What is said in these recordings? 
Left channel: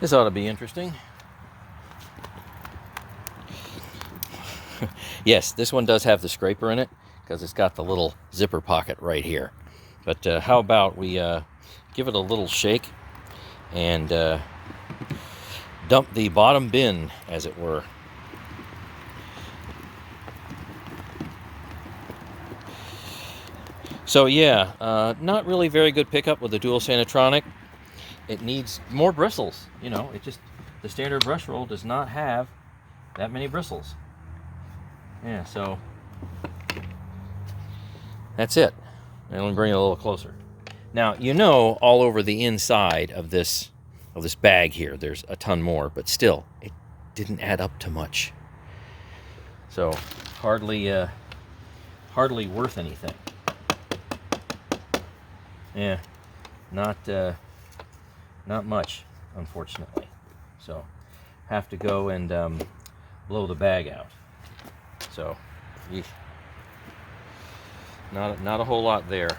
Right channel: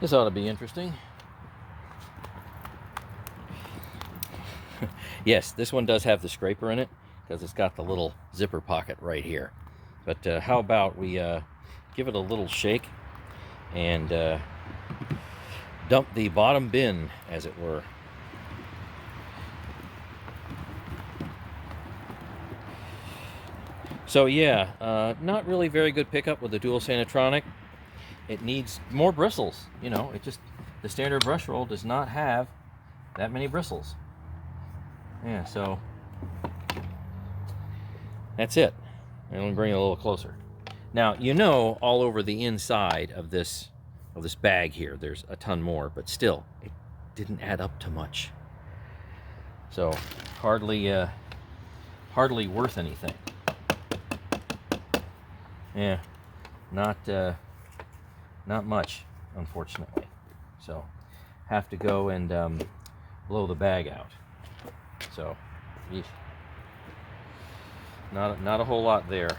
This ought to be interesting. Yes, this one does have the scraper in it because it's got the little zipper pocket right here. But how about we give it a little shake and dump the bottom bin, as it were. So yeah, not really very good pickup with the dual Sanatronic. It needs more bristles. You know, the standard brush roll does not have that many bristles. Yeah, so that's it. And let me bring it a little closer. Now, you know, all over the inside of this bag here, there's a ton more, but still, it didn't add up to much. So hardly worth anything. Yeah, not much, unfortunately. So have to go and blow the bag out. So, eesh. Not a whole lot there.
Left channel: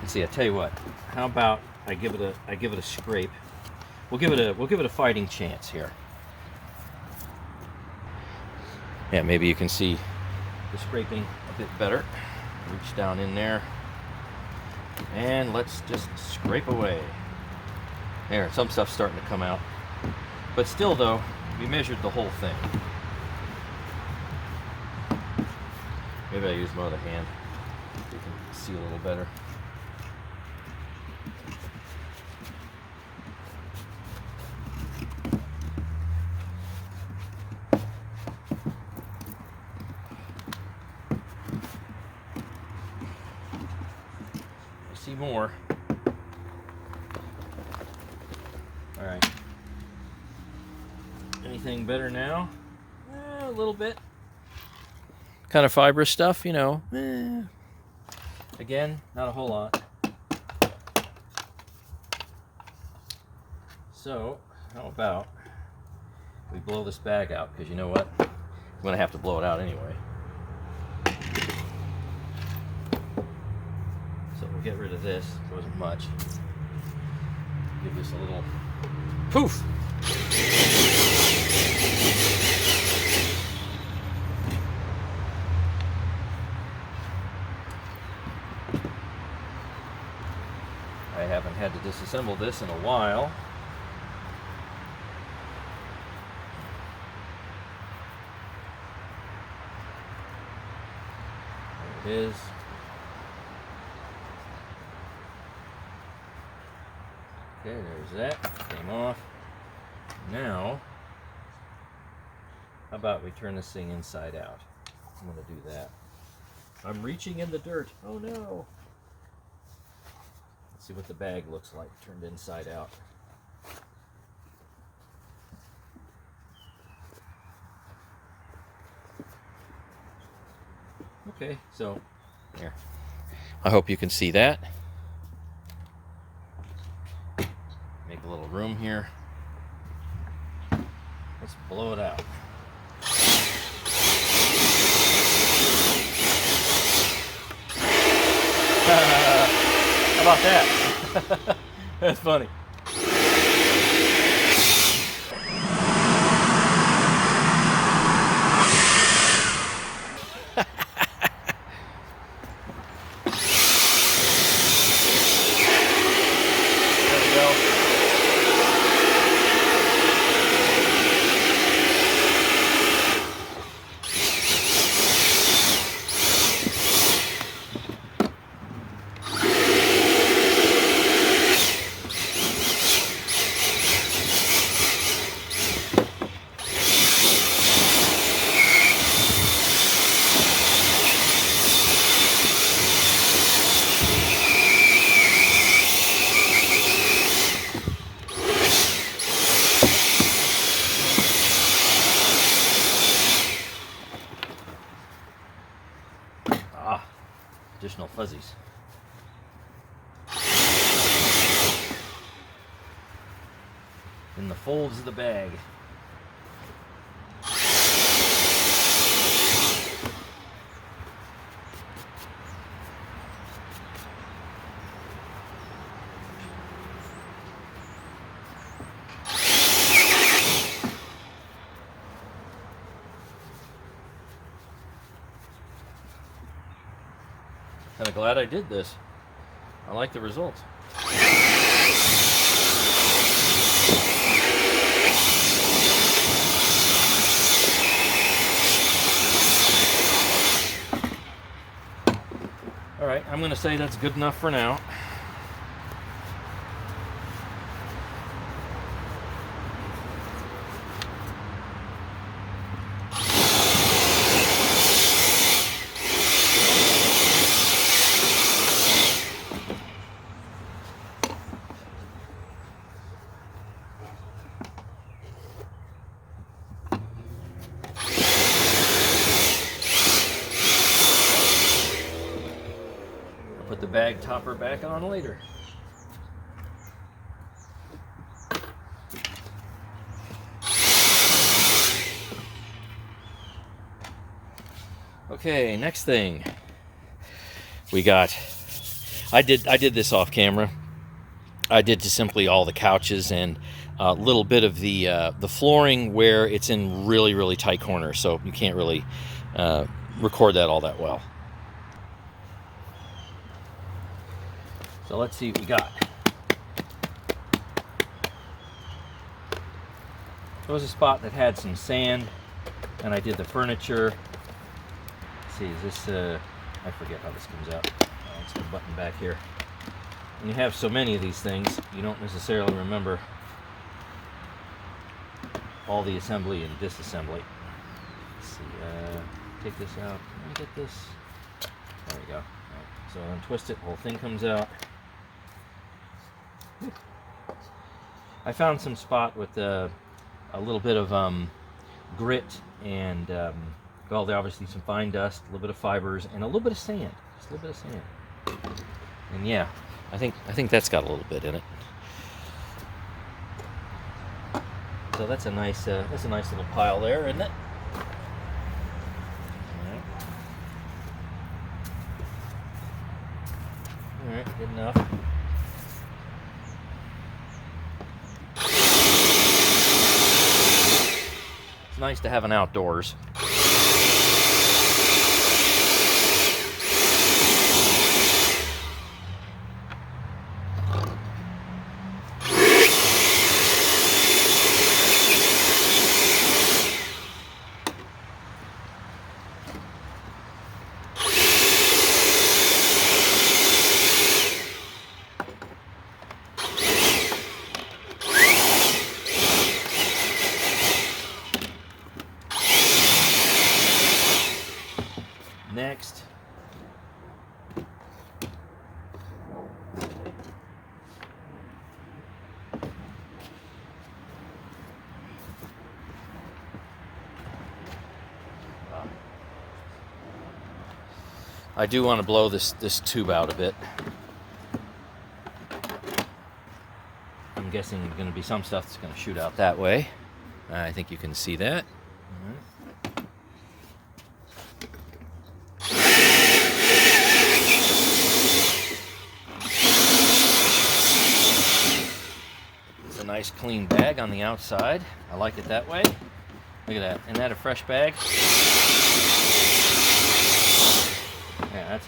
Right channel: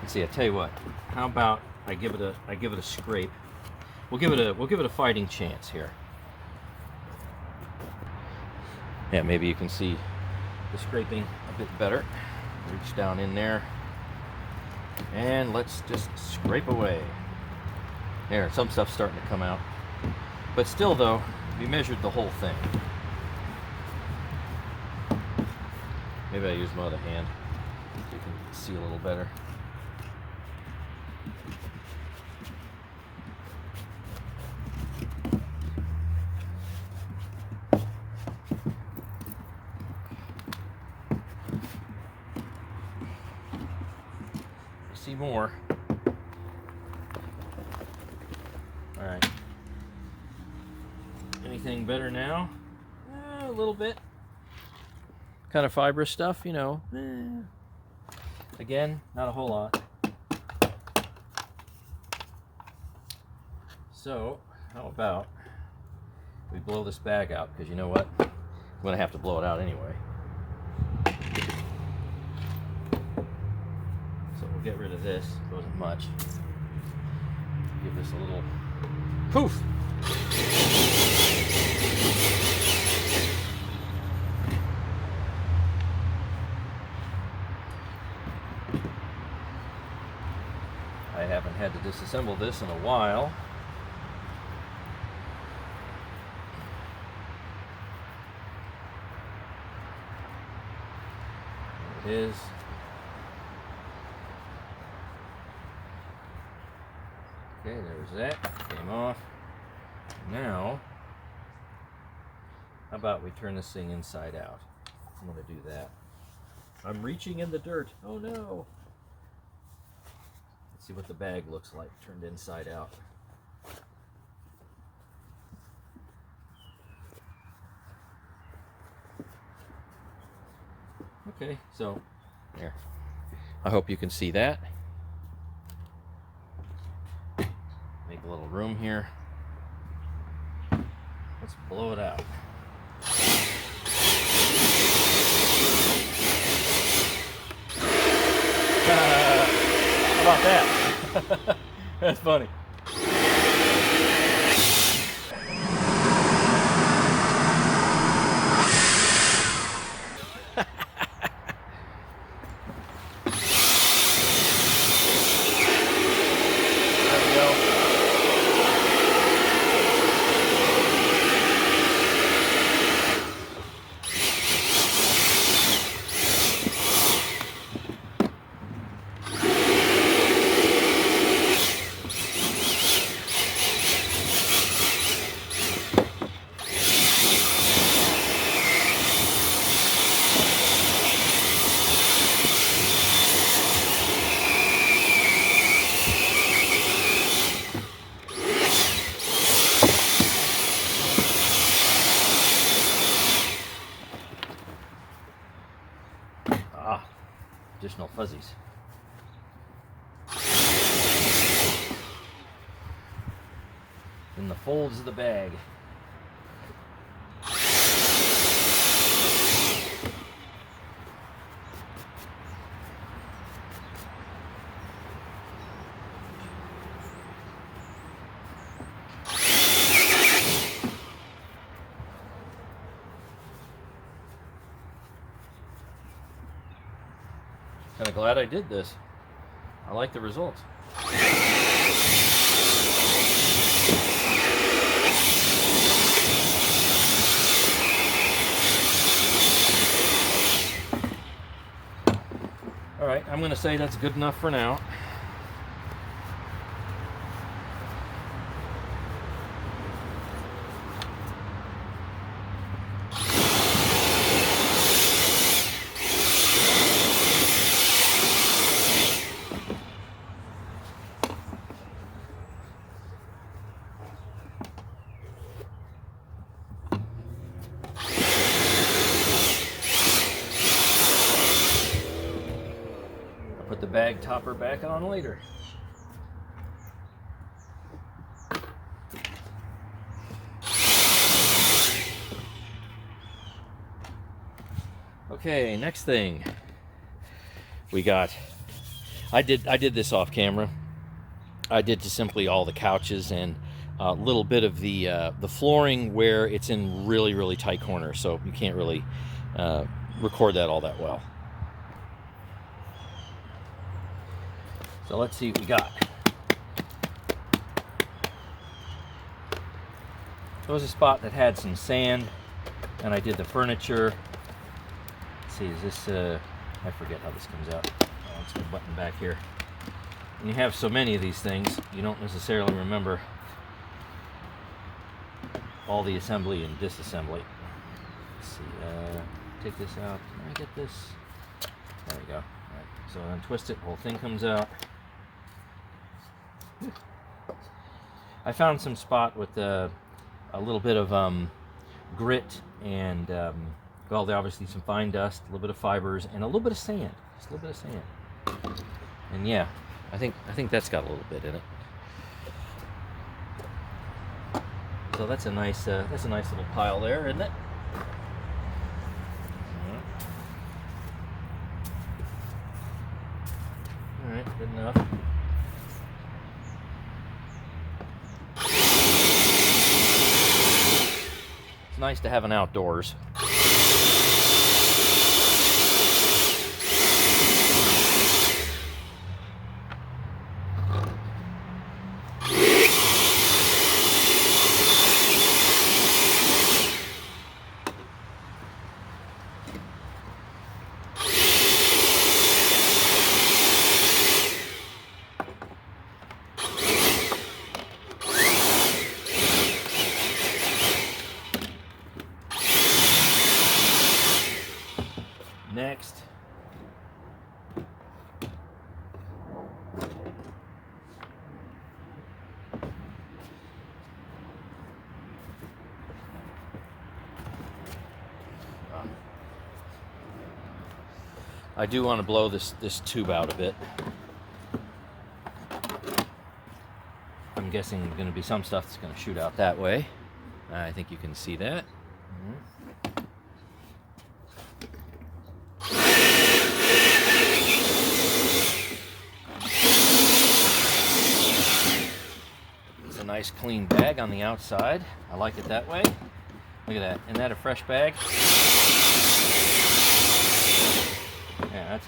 Let's see. I tell you what. How about I give it a scrape? We'll give it a fighting chance here. Yeah, maybe you can see the scraping a bit better. Reach down in there, and let's just scrape away. There, some stuff's starting to come out. But still, though, we measured the whole thing. Maybe I use my other hand so you can see a little better. I see more. All right. Anything better now? A little bit. Kind of fibrous stuff, you know. Again, not a whole lot. So, how about we blow this bag out? Because you know what? I'm going to have to blow it out anyway. So we'll get rid of this. It wasn't much. Give this a little poof. I haven't had to disassemble this in a while. There it is. Okay, there's that. Came off. Now, how about we turn this thing inside out? I'm going to do that. I'm reaching in the dirt. Oh no! Let's see what the bag looks like turned inside out. Okay, so there. I hope you can see that. Make a little room here. Let's blow it out. How about that? That's funny. There we go. Additional fuzzies. In the folds of the bag. Kind of glad I did this. I like the results. All right, I'm going to say that's good enough for now. Put the bag topper back on later. Okay, next thing we got. I did this off camera. I did just simply all the couches and a little bit of the flooring where it's in really tight corners, so you can't really record that all that well. So let's see what we got. There was a spot that had some sand, and I did the furniture. Let's see, is this, I forget how this comes out. Oh, it's the button back here. When you have so many of these things, you don't necessarily remember all the assembly and disassembly. Let's see, take this out. Can I get this? There we go. All right, so untwist it, the whole thing comes out. I found some spot with a little bit of grit and well, there obviously some fine dust, a little bit of fibers, and a little bit of sand. Just a little bit of sand. And yeah, I think that's got a little bit in it. So that's a nice little pile there, isn't it? Yeah. All right, good enough. It's nice to have an outdoors. Next, I do want to blow this tube out a bit. I'm guessing there's going to be some stuff that's going to shoot out that way. I think you can see that. It's a nice clean bag on the outside. I like it that way. Look at that. Isn't that a fresh bag? Yeah,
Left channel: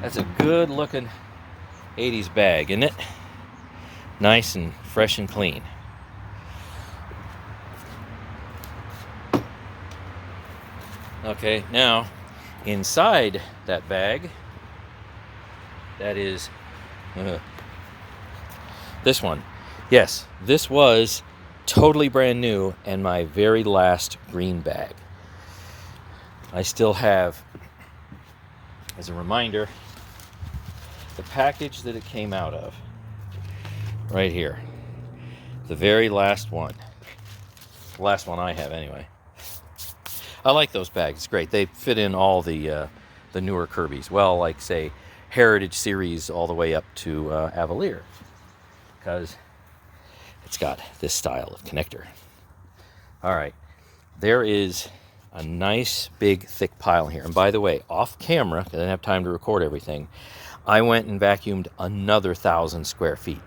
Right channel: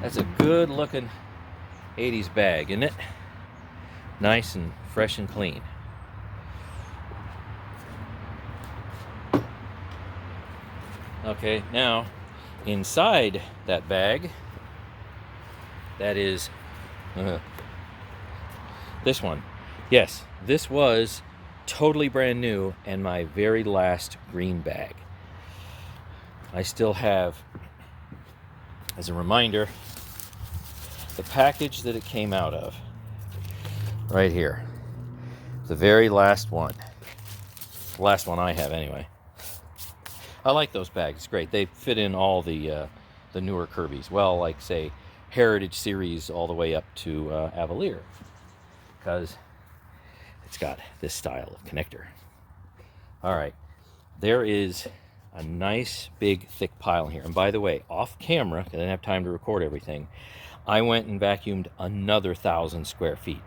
that's a good looking 80s bag, isn't it? Nice and fresh and clean. Okay, now inside that bag, that is this one. Yes, this was totally brand new and my very last green bag. I still have, as a reminder, the package that it came out of. Right here. The very last one. The last one I have anyway. I like those bags. It's great. They fit in all the newer Kirbys. Well, like say Heritage Series all the way up to Avalier. Because it's got this style of connector. All right. There is a nice big thick pile here. And by the way, off camera, because I didn't have time to record everything, I went and vacuumed another 1,000 square feet.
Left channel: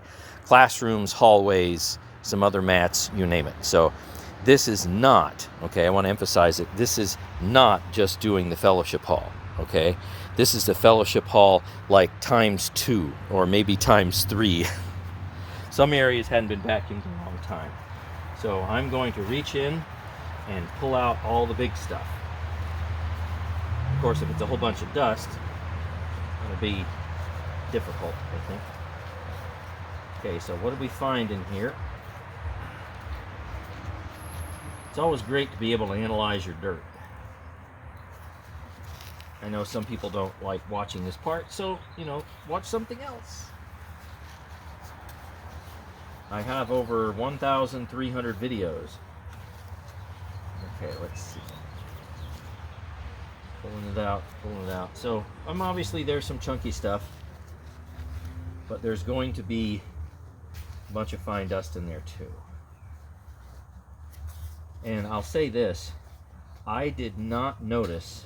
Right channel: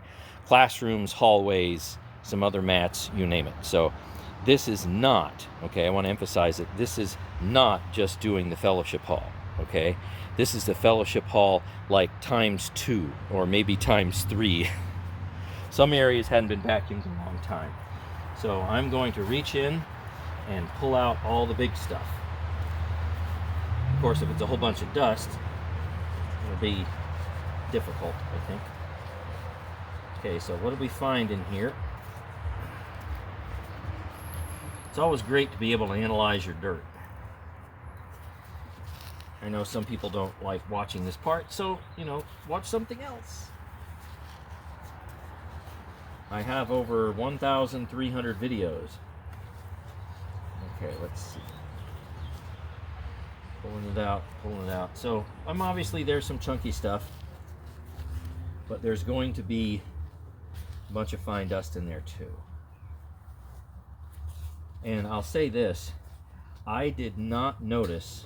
Classrooms, hallways, some other mats, you name it. So this is not, okay, I want to emphasize it, this is not just doing the fellowship hall. okay? This is the fellowship hall like ×2 or maybe ×3. Some areas hadn't been vacuumed in a long time. So I'm going to reach in and pull out all the big stuff. Of course, if it's a whole bunch of dust, it'll be difficult, I think. Okay, so what did we find in here? It's always great to be able to analyze your dirt. I know some people don't like watching this part, so, you know, watch something else. I have over 1,300 videos. Okay, let's see. Pulling it out, pulling it out. So, obviously there's some chunky stuff, but there's going to be a bunch of fine dust in there too. And I'll say this, I did not notice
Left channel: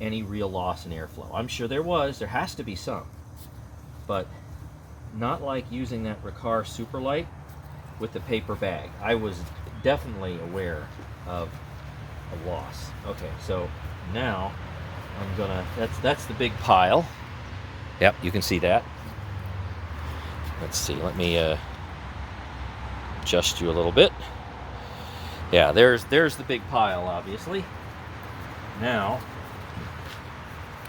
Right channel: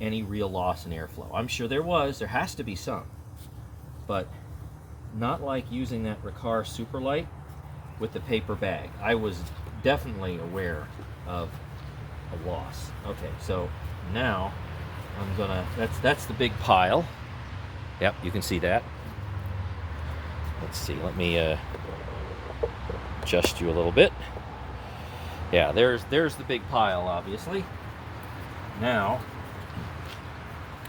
any real loss in airflow. I'm sure there has to be some, but not like using that Riccar Superlight with the paper bag. I was definitely aware of a loss. Okay, so now I'm gonna, that's the big pile. Yep, you can see that. Let's see, let me adjust you a little bit. Yeah, there's the big pile, obviously. Now,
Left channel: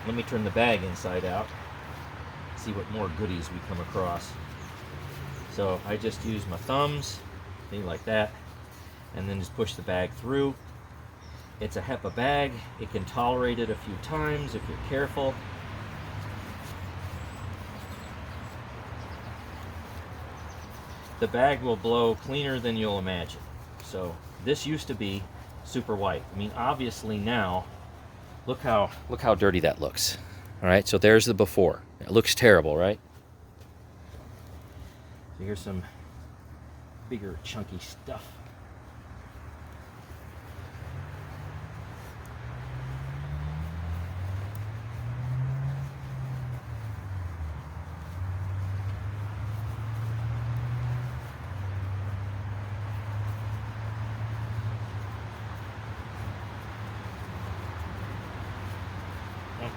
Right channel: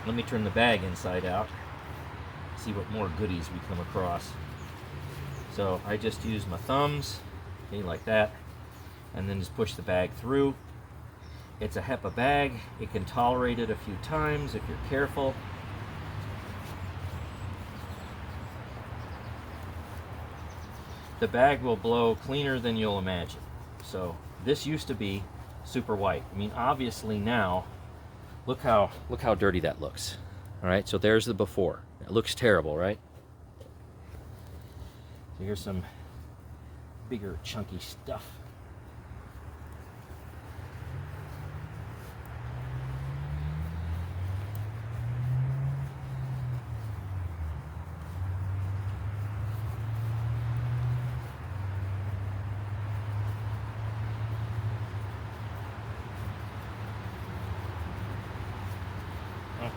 let me turn the bag inside out, see what more goodies we come across. So I just use my thumbs, see, like that, and then just push the bag through. It's a HEPA bag. It can tolerate it a few times if you're careful. The bag will blow cleaner than you'll imagine. So this used to be super white. I mean, obviously now, look how dirty that looks. All right, so there's the before. It looks terrible, right? So here's some bigger chunky stuff.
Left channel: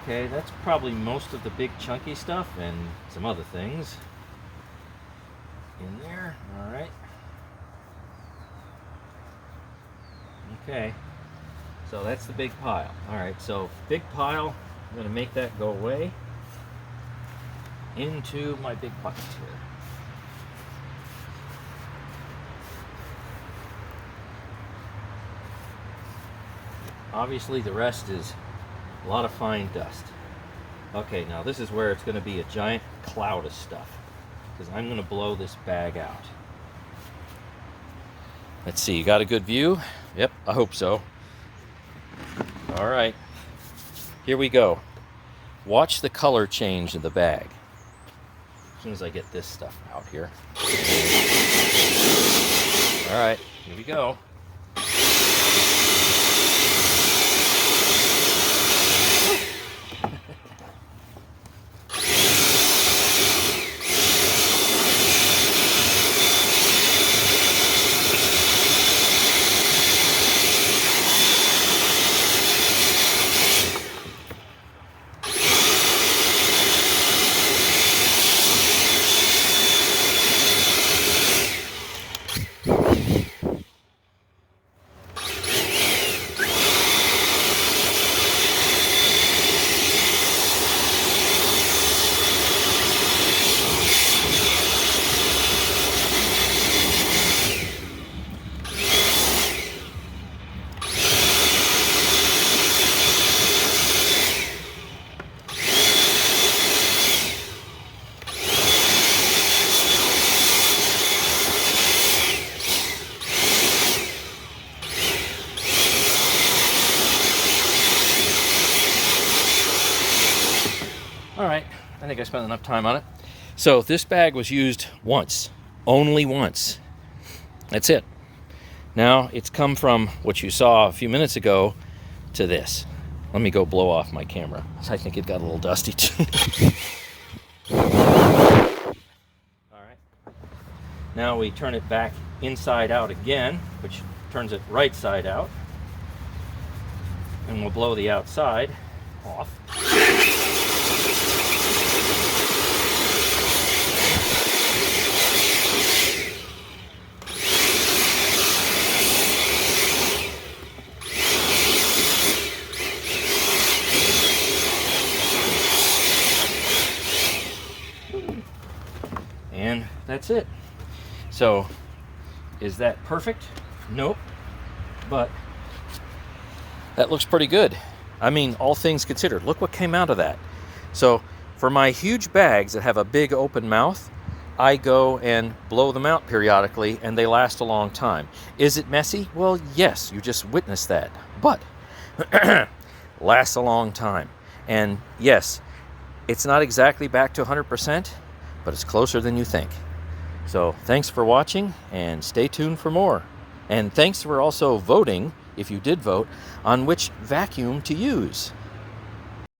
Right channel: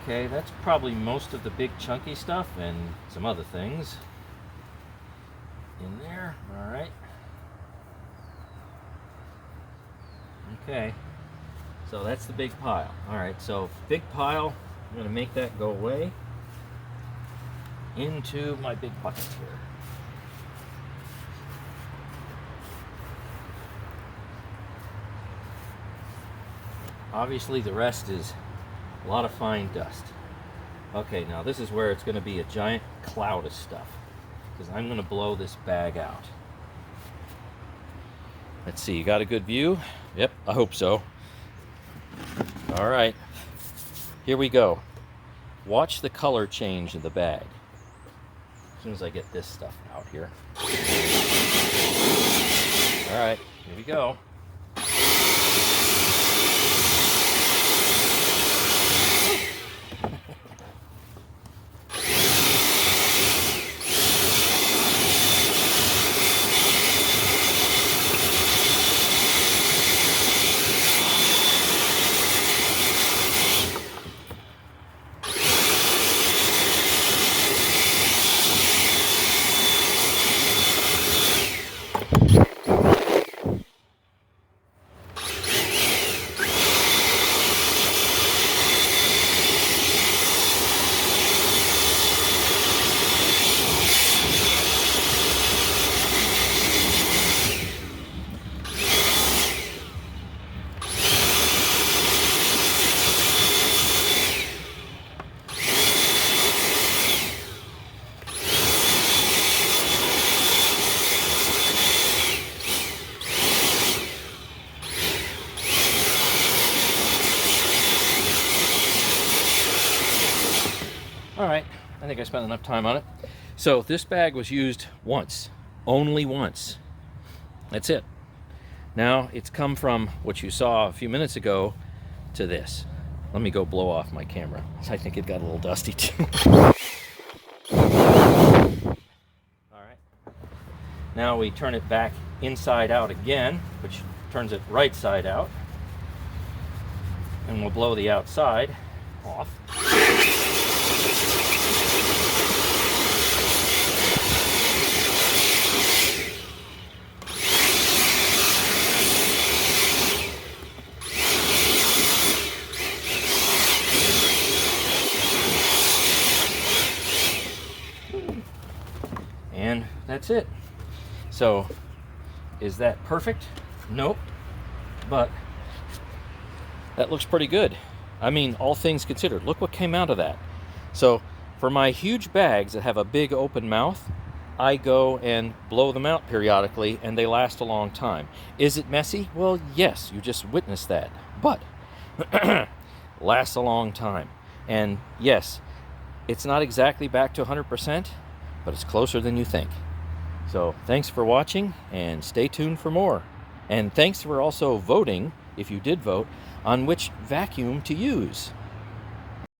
Okay, that's probably most of the big chunky stuff and some other things in there. All right. Okay, so that's the big pile. All right, so big pile, I'm going to make that go away into my big bucket here. Obviously the rest is a lot of fine dust. Okay, now this is where it's going to be a giant cloud of stuff, because I'm going to blow this bag out. Let's see, you got a good view? Yep, I hope so. All right, here we go. Watch the color change in the bag as soon as I get this stuff out here. All right, here we go. All right, I think I spent enough time on it. So this bag was used once, only once. That's it. Now it's come from what you saw a few minutes ago to this. Let me go blow off my camera. I think it got a little dusty too. All right. Now we turn it back inside out again, which turns it right side out. And we'll blow the outside. off. And that's it. So, is that perfect? Nope. But that looks pretty good. I mean, all things considered, look what came out of that. So, for my huge bags that have a big open mouth, I go and blow them out periodically, and they last a long time. Is it messy? Well, yes, you just witnessed that. But, lasts a long time. And yes, it's not exactly back to 100%, but it's closer than you think. So thanks for watching, and stay tuned for more. And thanks for also voting, if you did vote, on which vacuum to use.